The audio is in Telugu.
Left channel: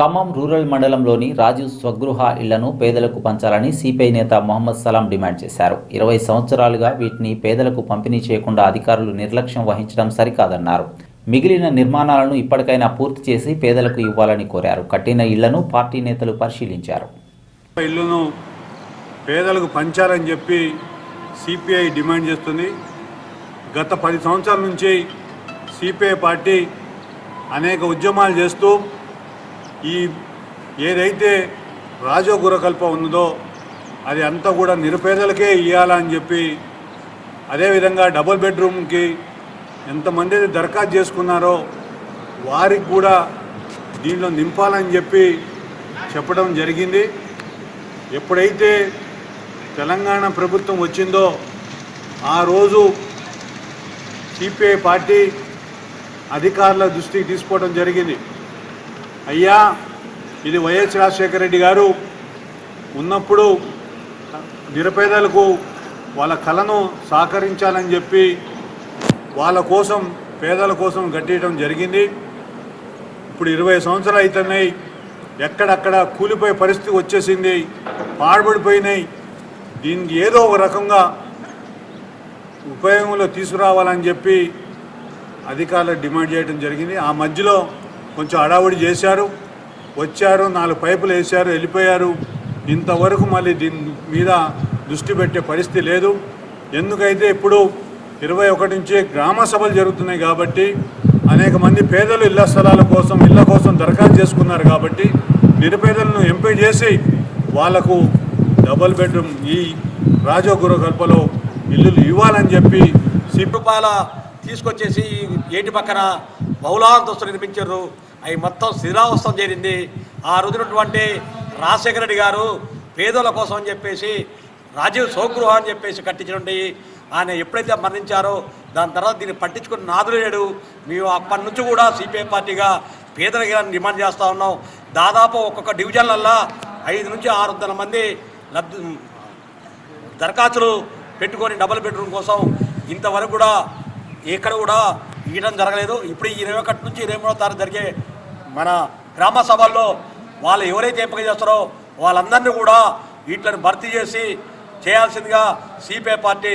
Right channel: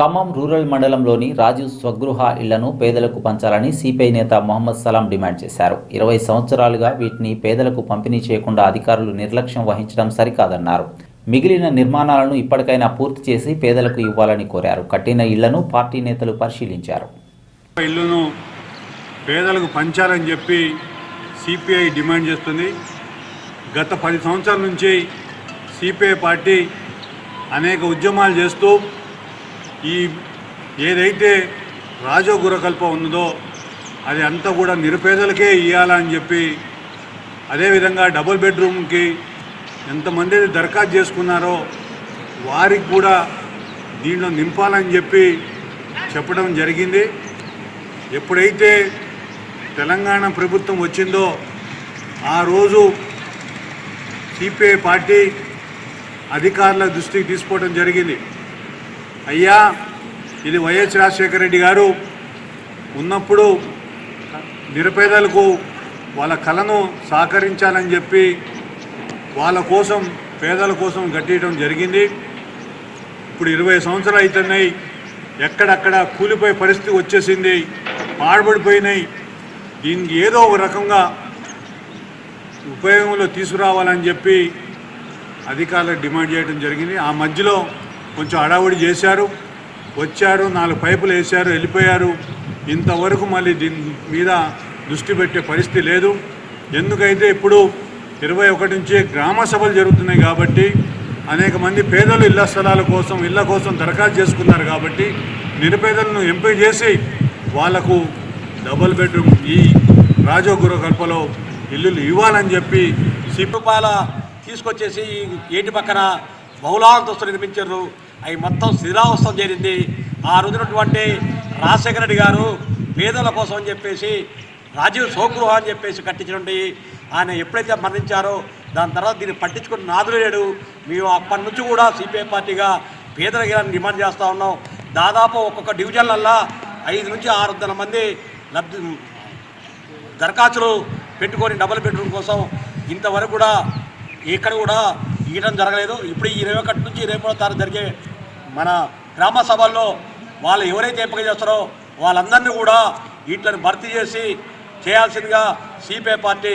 ఖమ్మం రూరల్ మండలంలోని రాజు స్వగృహ ఇళ్ళను పేదలకు పంచాలని సిపిఐ నేత మొహమ్మద్ సలాం డిమాండ్ చేశారు. ఇరవై సంవత్సరాలుగా వీటిని పేదలకు పంపిణీ చేయకుండా అధికారులు నిర్లక్ష్యం వహించడం సరికాదన్నారు. మిగిలిన నిర్మాణాలను ఇప్పటికైనా పూర్తి చేసి పేదలకు ఇవ్వాలని కోరారు. కట్టిన ఇళ్ళను పార్టీ నేతలు పరిశీలించారు. ఇళ్ళను పేదలకు పంచాలని చెప్పి సిపిఐ డిమాండ్ చేస్తుంది. గత పది సంవత్సరాల నుంచి సిపిఐ పార్టీ అనేక ఉద్యమాలు చేస్తూ ఈ ఏదైతే రాజో గురకల్ప అది అంతా కూడా నిరుపేదలకే ఇవ్వాలని చెప్పి అదేవిధంగా డబుల్ బెడ్రూమ్కి ఎంతమంది దరఖాస్తు చేసుకున్నారో వారికి కూడా దీంట్లో నింపాలని చెప్పి చెప్పడం జరిగింది. ఎప్పుడైతే తెలంగాణ ప్రభుత్వం వచ్చిందో ఆ రోజు సిపిఐ పార్టీ అధికారుల దృష్టికి తీసుకోవడం జరిగింది. అయ్యా ఇది వైఎస్ రాజశేఖర రెడ్డి గారు ఉన్నప్పుడు నిరుపేదలకు వాళ్ళ కళను సహకరించాలని చెప్పి వాళ్ళ కోసం పేదల కోసం గట్టియటం జరిగింది. ఇప్పుడు ఇరవై సంవత్సరాలు అవుతున్నాయి ఎక్కడక్కడ కూలిపోయే పరిస్థితి వచ్చేసింది పాడబడిపోయినాయి. దీనికి ఏదో ఒక రకంగా ఉపయోగంలో తీసుకురావాలని చెప్పి అధికారులకు డిమాండ్ చేయడం జరిగింది. ఆ మధ్యలో కొంచెం హడావుడి చేశారు వచ్చారు నాలుగు పైపులు వేశారు వెళ్ళిపోయారు. ఇంతవరకు మళ్ళీ దీని మీద దృష్టి పెట్టే పరిస్థితి లేదు. ఎందుకైతే ఇప్పుడు ఇరవై ఒకటి నుంచి గ్రామ సభలు జరుగుతున్నాయి కాబట్టి అనేక మంది పేదలు ఇళ్ళ స్థలాల కోసం ఇళ్ళ కోసం దరఖాస్తు చేసుకున్నారు కాబట్టి నిరుపేదలను ఎంపిక చేసి వాళ్ళకు డబుల్ బెడ్రూమ్ ఈ రాజోగుర కల్పలో ఇల్లులు ఇవ్వాలని చెప్పి సిపి తీసుకొచ్చేసి ఏటి పక్కన బహుళాంతస్తులు నిర్మించారు. అవి మొత్తం శిథిలావస్థం చేరింది. ఆ రోజునటువంటి రాజశేఖర రెడ్డి గారు పేదల కోసం అని చెప్పేసి రాజీవ్ స్వగృహ అని చెప్పేసి కట్టించినటువంటి ఆయన ఎప్పుడైతే మరణించారో దాని తర్వాత దీన్ని పట్టించుకుని నాదులు లేడు. మేము అప్పటి నుంచి కూడా సిపిఐ పార్టీగా పేదల డిమాండ్ చేస్తూ ఉన్నాం. దాదాపు ఒక్కొక్క డివిజన్లల్లా ఐదు నుంచి ఆరు వందల మంది లబ్ధి దరఖాస్తులు పెట్టుకొని డబుల్ బెడ్రూమ్ కోసం ఇంతవరకు కూడా ఎక్కడ కూడా ఇవ్వడం జరగలేదు. ఇప్పుడు ఇరవై ఒకటి నుంచి ఇరవై మూడో తారీఖు జరిగే మన గ్రామ సభల్లో వాళ్ళు ఎవరైతే ఎంపిక చేస్తారో వాళ్ళందరినీ కూడా వీటిని భర్తీ చేసి చేయాల్సిందిగా సిపిఐ పార్టీ